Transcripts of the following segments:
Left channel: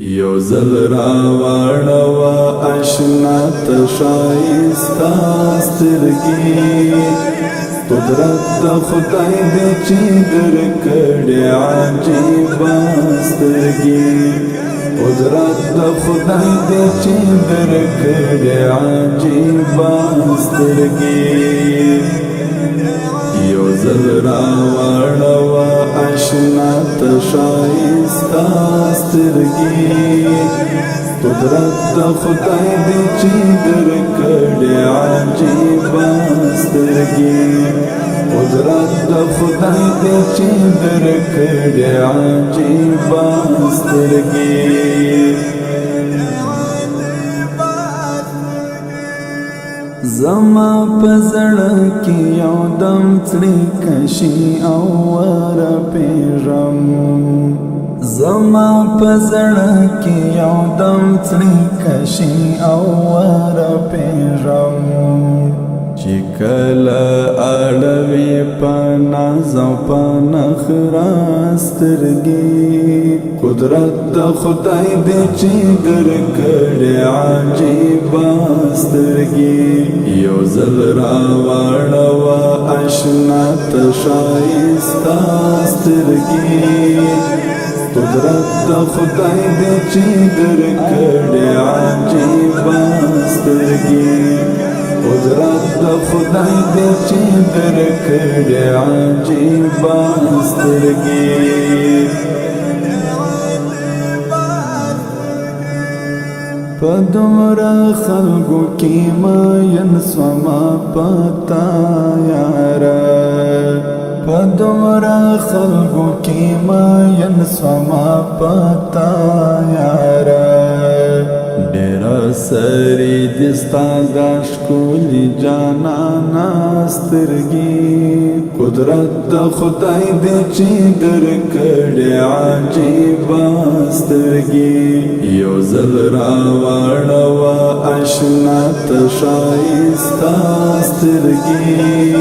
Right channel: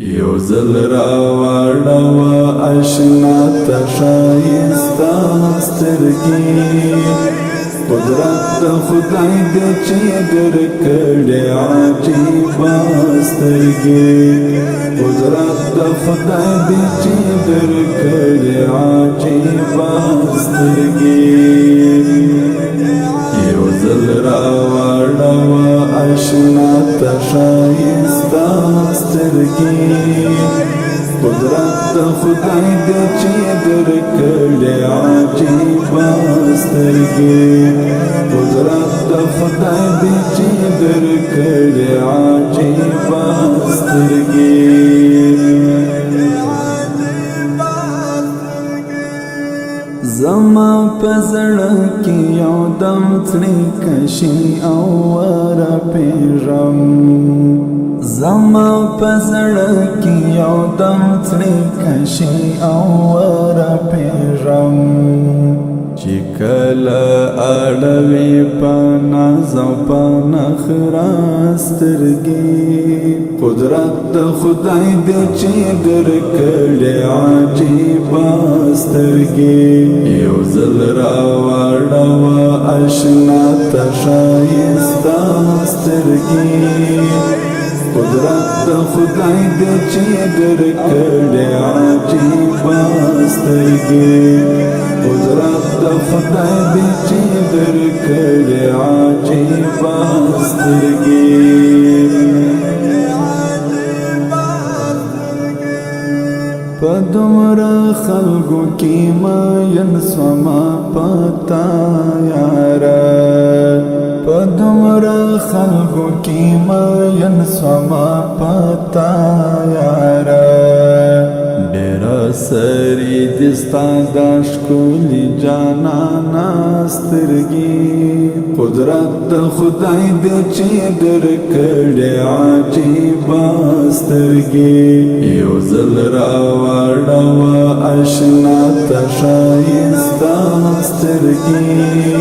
یو زل را واړوه اشنا ته ښایسته سترګې قدرت د خدای دی چې درکړې عجیبه سترګې قدرت د خدای دی چې درکړې عجیبه سترګې یو ځل را واړوه اشنا ته ښایسته سترګې قدرت د خدای دی چې درکړې عجیبه سترګې قدرت د خدای دی چې درکړې عجیبه سترګې زما په زړه کې یو دم څړیکشي او ورپېژم زما په زړه کې یو دم څړیکشي او ورپېژم چې کله اړوي په ناز او په نخره سترګې قدرت د خدای دی چې درکړې عجیبه سترګې یو ځل را واړوه اشنا ته ښایسته سترګې قدرت د خدای دی چې درکړې عجیبه سترګې قدرت د خدای دی چې درکړې عجیبه سترګې په دومره خلکو کې مین سومه پتا یاره په دومره خلکو کې مین سومه پتا یاره ډېره سري دي ستا دا ښکلي جانانه سترګې قدرت د خدای دی چې درکړې عجیبه سترګې یو ځل را واړوه اشنا ته ښایسته سترګې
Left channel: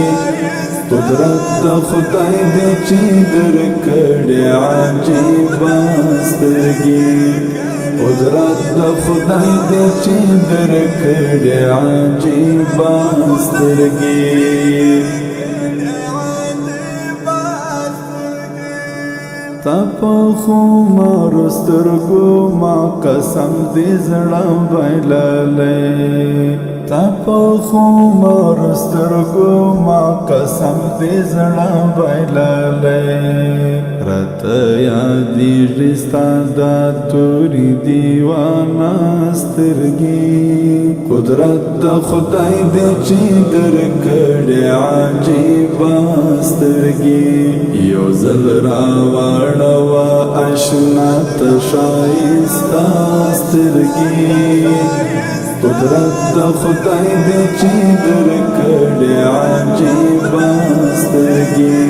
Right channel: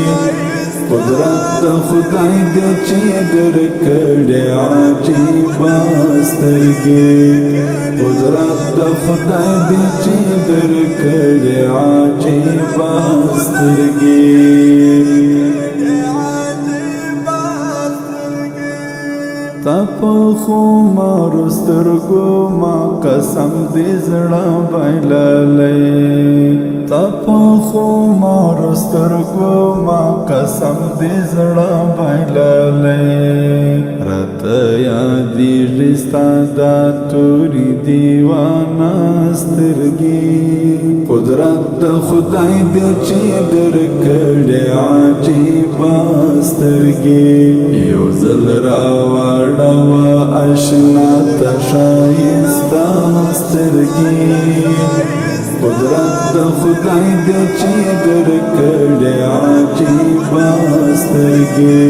قدرت د خدای دی چې درکړې عجیبه سترګې قدرت د خدای دی چې درکړې عجیبه سترګې تا په خمارو سترګو ما قسم دې زړه بایللی تا په خمارو سترګو ما قسم دې زړه بایللی راته یادېږي ستا دا تورې دیوانه سترګې قدرت د خدای دی چې درکړې عجیبه سترګې یو ځل را واړوه اشنا ته ښایسته سترګې قدرت د خدای دی چې درکړې عجیبه سترګې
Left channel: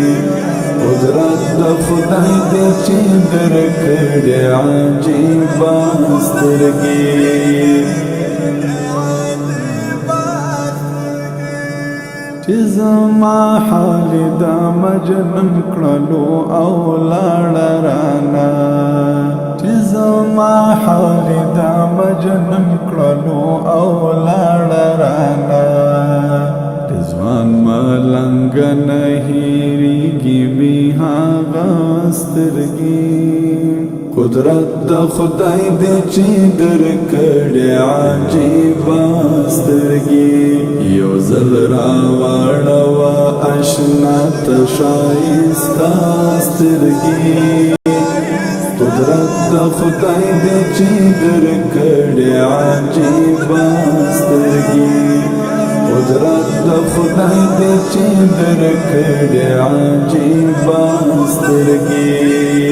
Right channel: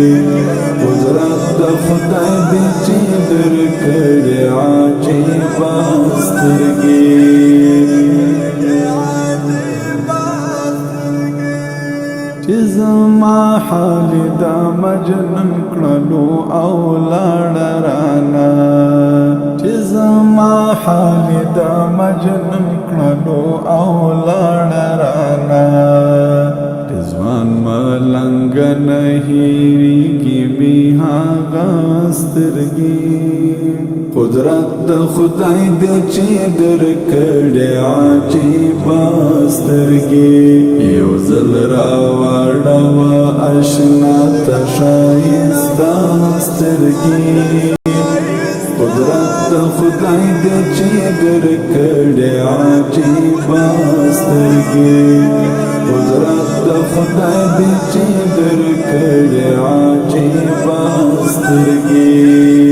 قدرت د خدای دی چې درکړې عجیبه سترګې چې زما حال دا مجنون کړلو او لاړه رانه چې زما حال دا مجنون کړلو او لاړه رانه ځوان ملنګ نه هېرېږي بې هغه سترګې قدرت د خدای دی چې درکړې عجیبه سترګې یو ځل را واړوه اشنا ته ښایسته سترګې قدرت د خدای دی چې درکړې عجیبه سترګې قدرت د خدای دی چې درکړې عجیبه سترګې